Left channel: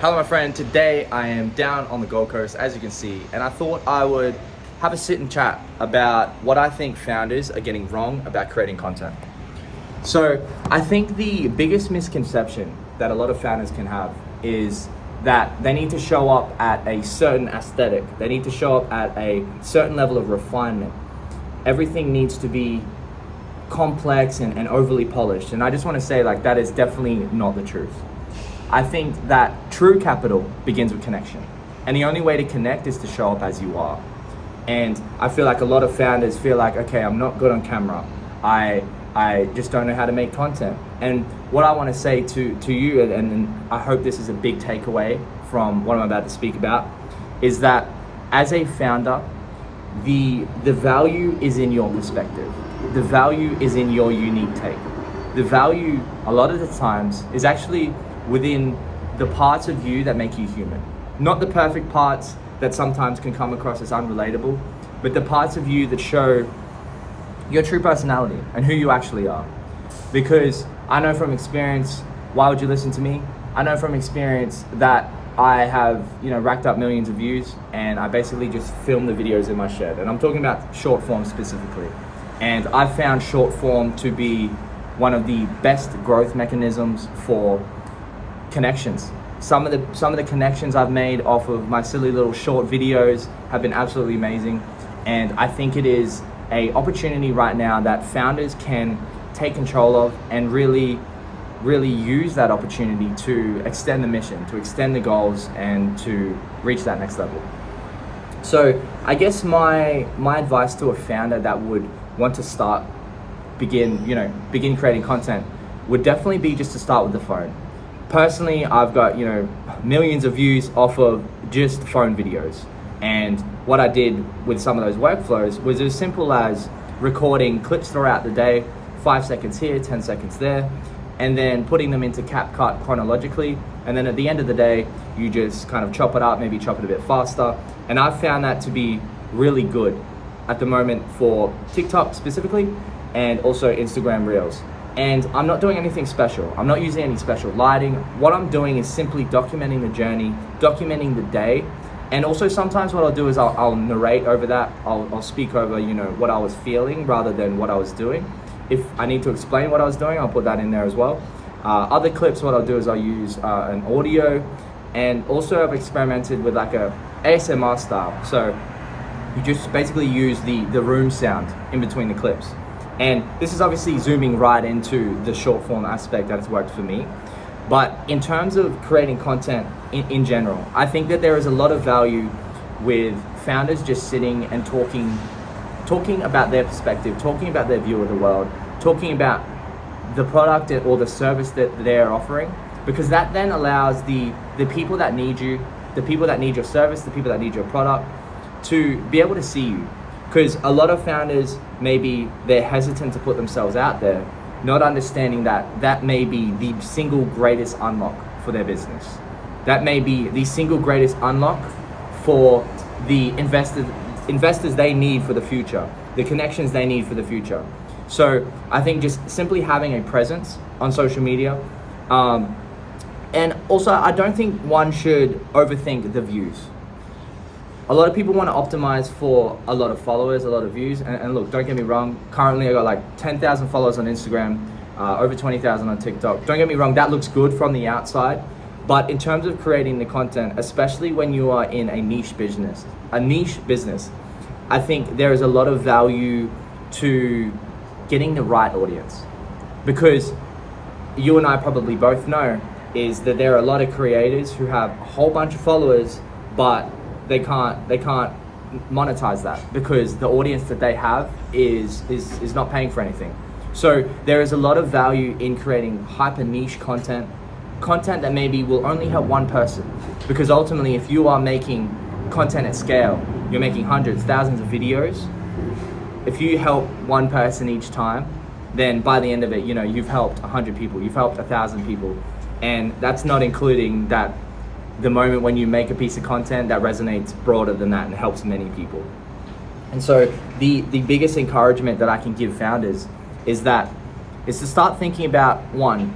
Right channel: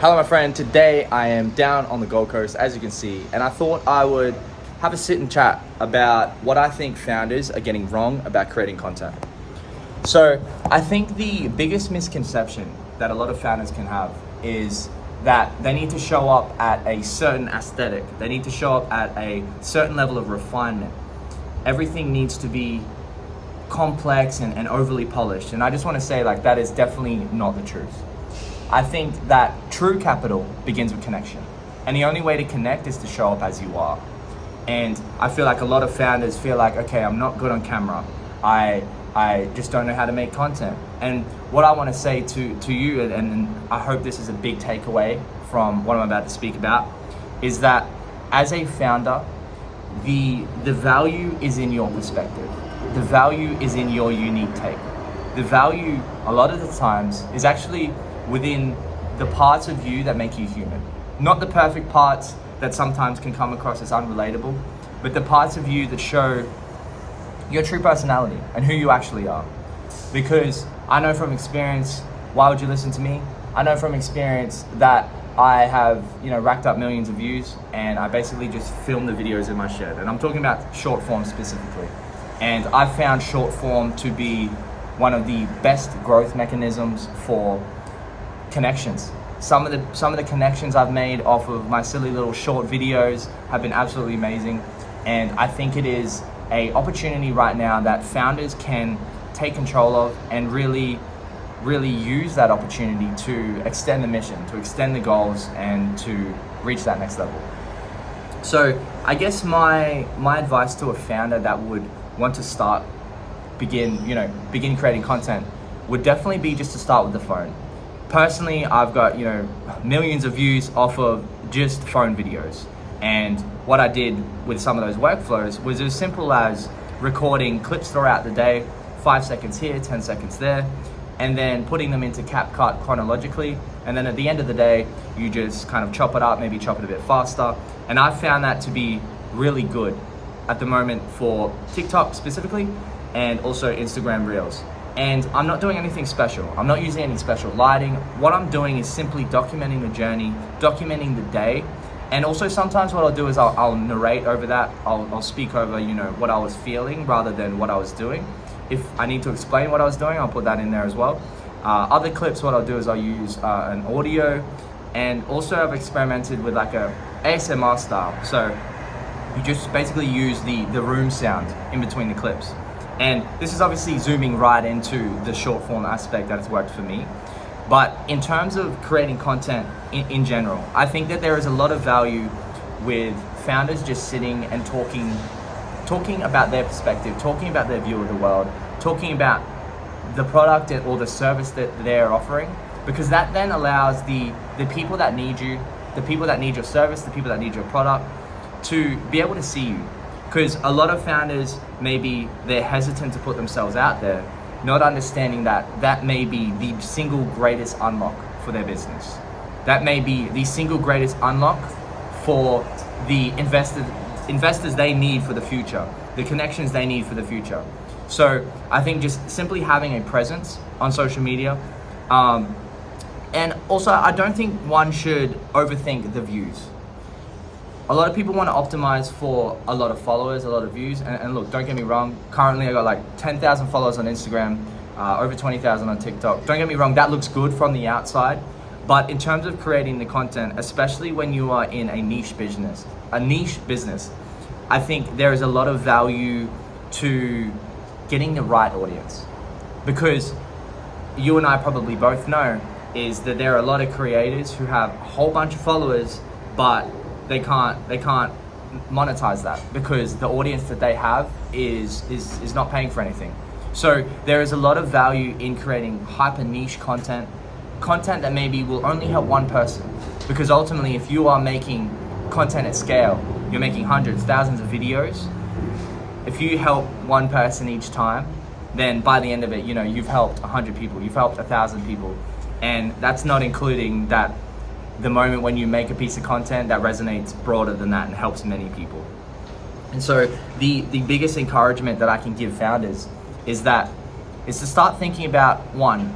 Hello my friend, today I am down on the Gold Coast as you can see, and I thought I would have a sit and chat about what I think founders are getting wrong about creating content. So I think the biggest misconception that a lot of founders can have is that they need to show up at a certain aesthetic, they need to show up at a certain level of refinement. Everything needs to be complex and overly polished, and I just want to say that is definitely not the truth. I think that true capital begins with connection. And the only way to connect is to show up as you are. And I feel like a lot of founders feel like, okay, I'm not good on camera. I just don't know how to make content. And what I want to say to you, and I hope this is a big takeaway from what I'm about to speak about, is that as a founder, the value is in your perspective. The value is in your unique take. The value, a lot of the times, is actually within the parts of you that make you human. Not the perfect parts that sometimes can come across as unrelatable, but the parts of you that show your true personality and who you actually are. Because I know from experience, why would you listen to me? I know from experience that I have, racked up millions of views, and I basically just film the videos in my shed. And I'm talking about short form specifically. And I've found short form to be one of the best growth mechanisms for connections. Some of the connections I've made off of my silly little short videos have been absolutely amazing, and I think it is a opportunity right now that founders can take control of and really use that opportunity to extend the mission, to extend the goals, and to reach that next level. So I guess my advice to a founder that would want to begin creating content would definitely be just to start with the phone. Personally, I've got millions of views off of just phone videos, and what I did with some of those workflows was as simple as recording clips throughout the day, 5 seconds here, 10 seconds there, and then putting them into CapCut chronologically, and then at the end of the day you just kind of chop it up, maybe chop it a bit faster. And I've found that to be really good at the moment for TikTok specifically, and also Instagram Reels. And I'm not doing anything special. I'm not using any special lighting. What I'm doing is simply documenting the journey, documenting the day. And also sometimes what I'll do is I'll narrate over that. I'll speak over, what I was feeling rather than what I was doing. If I need to explain what I was doing, I'll put that in there as well. Other clips, what I'll do is I'll use an audio, and also I've experimented with like a ASMR style. So you just basically use the room sound in between the clips. And this is obviously zooming right into the short form aspect that has worked for me. But in terms of creating content in general, I think that there is a lot of value with founders just sitting and talking about their perspective, talking about their view of the world, talking about the product or the service that they're offering, because that then allows the people that need you, the people that need your service, the people that need your product, to be able to see you. Because a lot of founders, maybe they're hesitant to put themselves out there, not understanding that may be the single greatest unlock for their business. That may be the single greatest unlock for the investors they need for the future, the connections they need for the future. So I think just simply having a presence on social media, and also I don't think one should overthink the views. A lot of people want to optimize for a lot of followers, a lot of views, and look, don't get me wrong, currently I got like 10,000 followers on Instagram, over 20,000 on TikTok. Don't get me wrong, that looks good from the outside, but in terms of creating the content, especially when you are in a niche business, I think there is a lot of value to getting the right audience. Because you and I probably both know is that there are a lot of creators who have a whole bunch of followers, but they can't monetize that because the audience that they have is not paying for anything. So there is a lot of value in creating hyper niche content that maybe will only help one person, because ultimately if you are making content at scale, you're making hundreds, thousands of videos. If you help one person each time, then by the end of it, you've helped 100 people, you've helped 1,000 people, and that's not including that the moment when you make a piece of content that resonates broader than that and helps many people. And so the biggest encouragement that I can give founders is to start thinking about, one,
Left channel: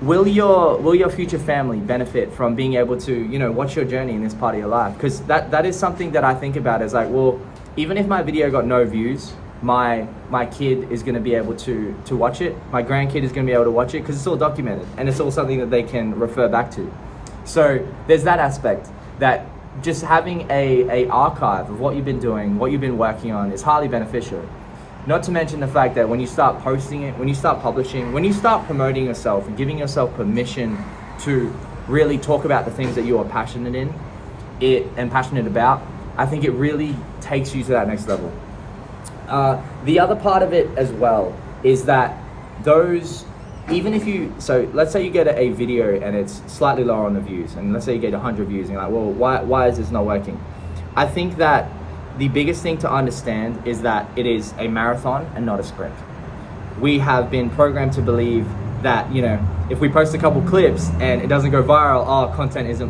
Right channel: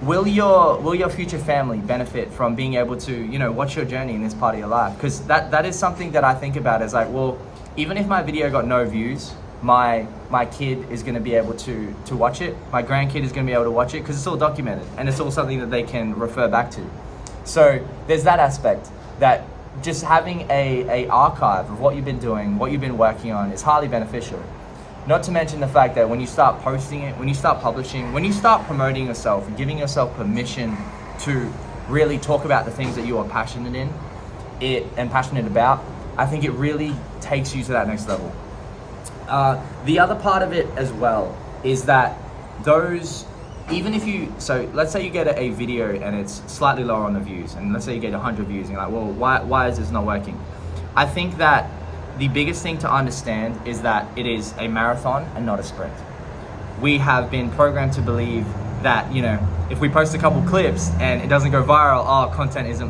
will your future family benefit from being able to, you know, watch your journey in this part of your life? Because that is something that I think about, is like, well, even if my video got no views, my kid is going to be able to watch it. My grandkid is going to be able to watch it, because it's all documented and it's all something that they can refer back to. So there's that aspect, that just having a archive of what you've been doing, what you've been working on, is highly beneficial. Not to mention the fact that when you start posting it, when you start publishing, when you start promoting yourself and giving yourself permission to really talk about the things that you are passionate and passionate about, I think it really takes you to that next level. The other part of it as well is that even if you, so let's say you get a video and it's slightly lower on the views, and let's say you get 100 views, and you're like, well, why is this not working? I think that the biggest thing to understand is that it is a marathon and not a sprint. We have been programmed to believe that, you know, if we post a couple clips and it doesn't go viral, content is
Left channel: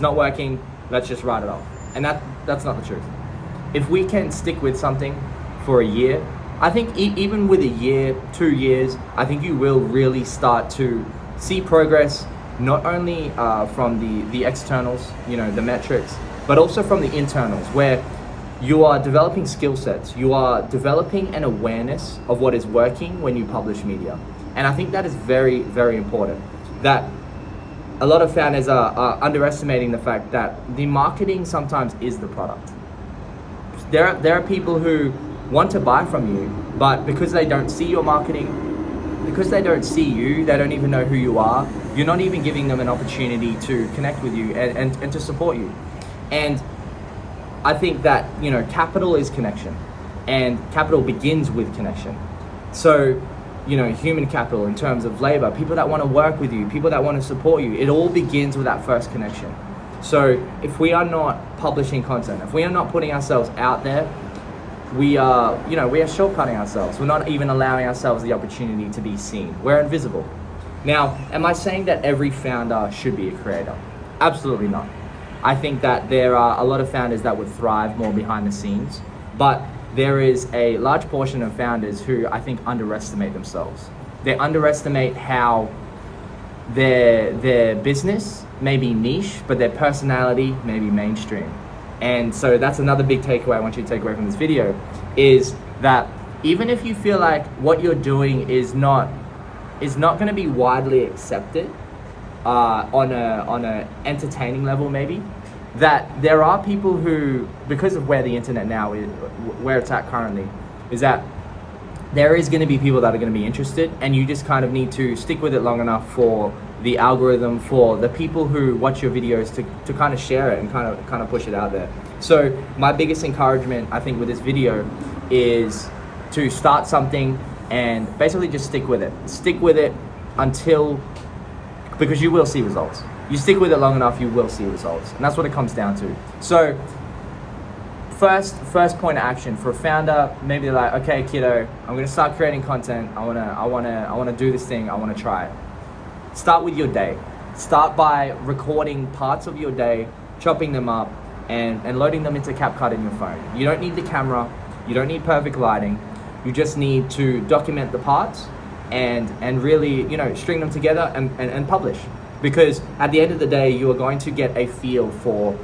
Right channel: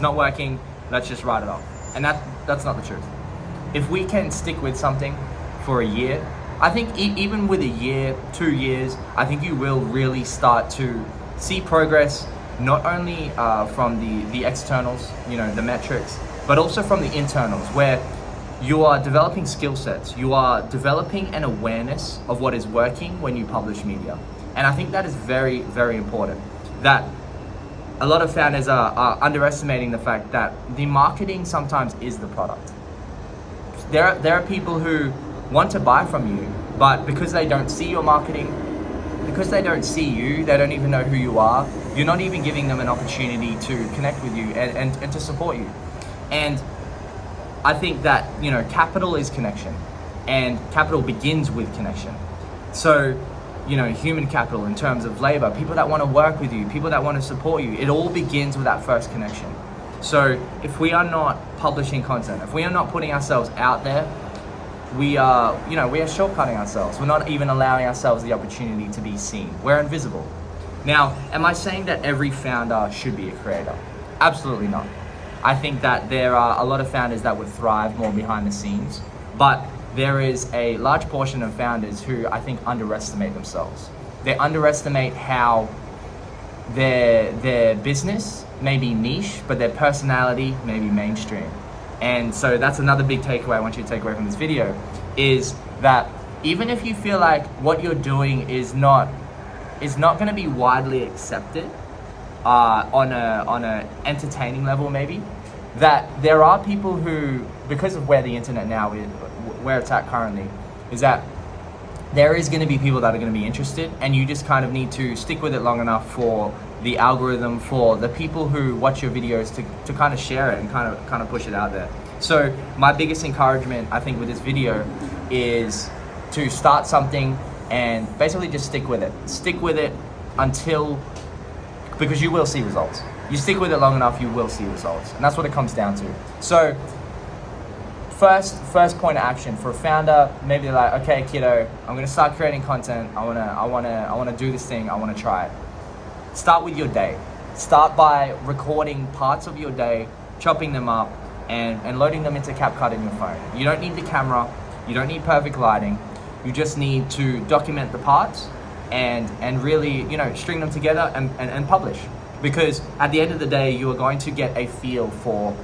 not working, let's just write it off. And that's not the truth. If we can stick with something for a year, I think even with a year, 2 years, I think you will really start to see progress, not only from the externals, you know, the metrics, but also from the internals, where you are developing skill sets, you are developing an awareness of what is working when you publish media. And I think that is very, very important. That a lot of founders are underestimating the fact that the marketing sometimes is the product. There are people who want to buy from you, but because they don't see your marketing, because they don't see you, they don't even know who you are, you're not even giving them an opportunity to connect with you and to support you. And I think that, you know, capital is connection, and capital begins with connection. So, you know, human capital in terms of labor, people that want to work with you, people that want to support you, it all begins with that first connection. So if we are not publishing content, if we are not putting ourselves out there, we are shortcutting ourselves. We're not even allowing ourselves the opportunity to be seen. We're invisible. Now, am I saying that every founder should be a creator? Absolutely not. I think that there are a lot of founders that would thrive more behind the scenes, but there is a large portion of founders who I think underestimate themselves. They underestimate how their business may be niche, but their personality may be mainstream. And so that's another big takeaway I want you to take away from this video, is that even if you feel like what you're doing is not going to be widely accepted on a entertaining level, maybe, that there are people who, because of where the internet now is, where it's at currently, is that there is going to be people that are going to be interested, and you just kind of need to stick with it long enough for the algorithm, for the people who watch your videos to kind of share it and kind of push it out there. So my biggest encouragement, I think, with this video is to start something and basically just stick with it. Stick with it until, because you will see results. You stick with it long enough, you will see results. And that's what it comes down to. So first point of action for a founder, maybe like, okay, kiddo, I'm gonna start creating content. I wanna do this thing. I wanna try it. Start with your day. Start by recording parts of your day, chopping them up, and loading them into CapCut in your phone. You don't need the camera. You don't need perfect lighting. You just need to document the parts and really, you know, string them together and publish. Because at the end of the day, you are going to get a feel for,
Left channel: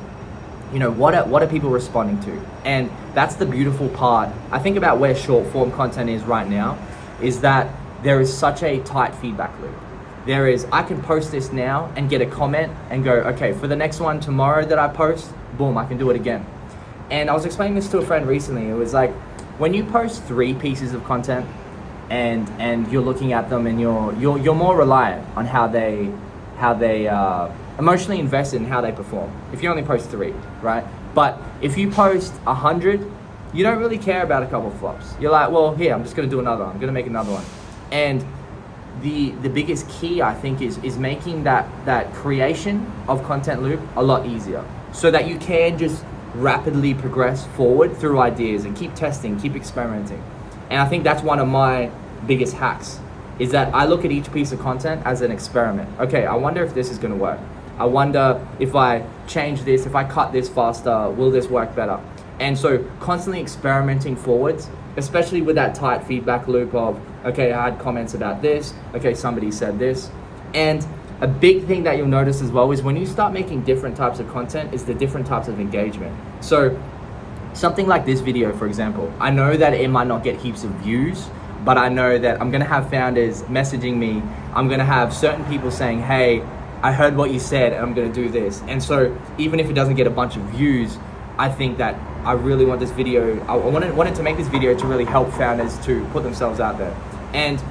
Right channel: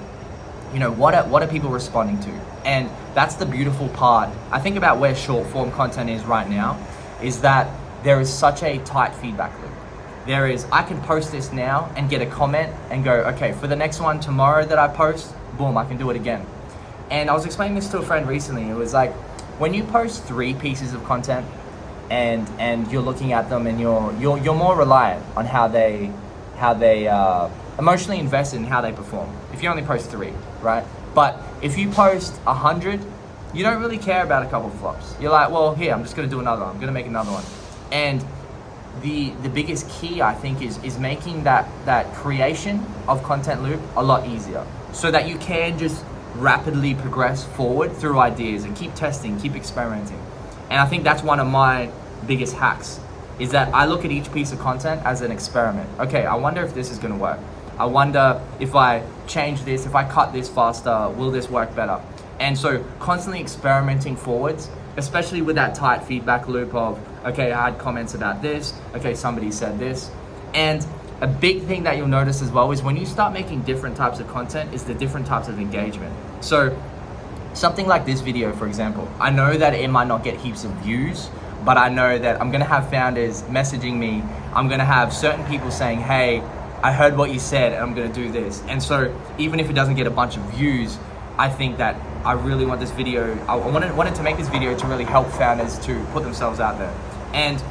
you know, what are people responding to. And that's the beautiful part. I think about where short form content is right now, is that there is such a tight feedback loop. There is, I can post this now and get a comment and go, okay, for the next one tomorrow that I post, boom, I can do it again. And I was explaining this to a friend recently. It was like, when you post 3 pieces of content and you're looking at them and you're more reliant on how they emotionally invested in how they perform. If you only post 3, right? But if you post 100, you don't really care about a couple of flops. You're like, well, here, I'm just gonna do another one. I'm gonna make another one. And the biggest key, I think, is making that creation of content loop a lot easier, so that you can just rapidly progress forward through ideas and keep testing, keep experimenting. And I think that's one of my biggest hacks, is that I look at each piece of content as an experiment. Okay, I wonder if this is gonna work. I wonder if I change this, if I cut this faster, will this work better? And so constantly experimenting forwards, especially with that tight feedback loop of, okay, I had comments about this, okay, somebody said this. And a big thing that you'll notice as well is when you start making different types of content is the different types of engagement. So something like this video, for example, I know that it might not get heaps of views, but I know that I'm gonna have founders messaging me. I'm gonna have certain people saying, hey, I heard what you said and I'm gonna do this. And so even if it doesn't get a bunch of views, I think that I really want this video, I wanted to make this video to really help founders to put themselves out there. And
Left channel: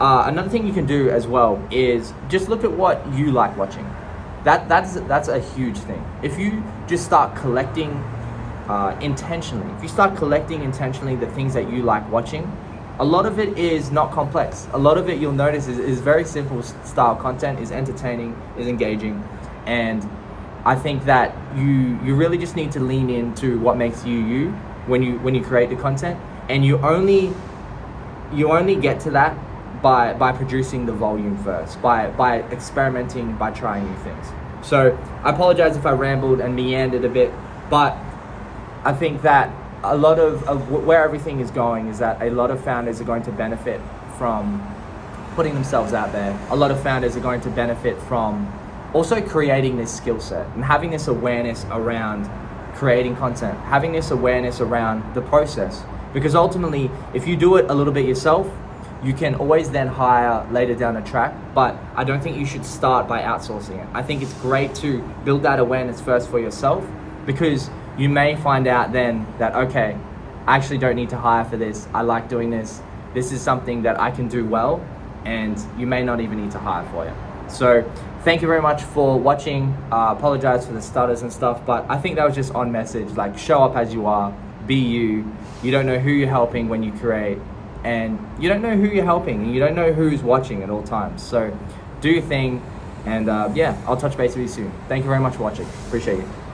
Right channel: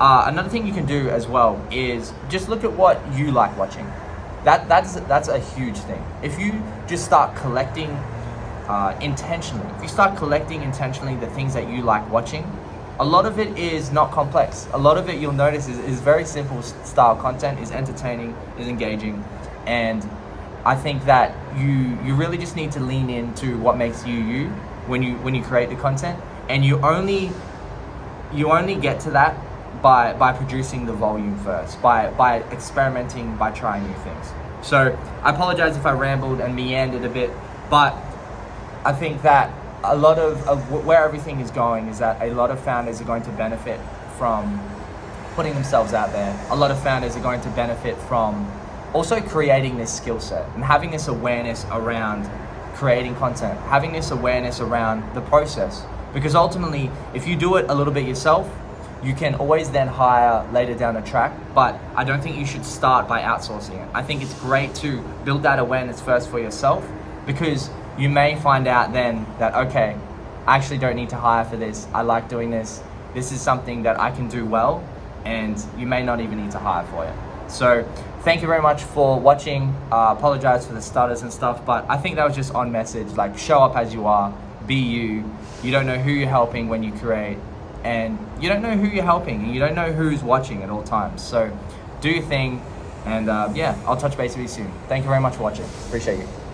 another thing you can do as well is just look at what you like watching. That's a huge thing. If you just start collecting intentionally, if you start collecting intentionally the things that you like watching, a lot of it is not complex. A lot of it you'll notice is very simple style content, is entertaining, is engaging. And I think that you really just need to lean into what makes you when you create the content. And you only get to that by producing the volume first, by experimenting, by trying new things. So I apologize if I rambled and meandered a bit, but I think that a lot of where everything is going is that a lot of founders are going to benefit from putting themselves out there. A lot of founders are going to benefit from also creating this skill set and having this awareness around creating content, having this awareness around the process. Because ultimately, if you do it a little bit yourself, you can always then hire later down the track, but I don't think you should start by outsourcing it. I think it's great to build that awareness first for yourself, because you may find out then that, okay, I actually don't need to hire for this. I like doing this. This is something that I can do well, and you may not even need to hire for it. So thank you very much for watching. Apologize for the stutters and stuff, but I think that was just on message. Like, show up as you are, be you. You don't know who you're helping when you create, and you don't know who you're helping, and you don't know who's watching at all times. So do your thing, and yeah, I'll touch base with you soon. Thank you very much for watching. Appreciate you.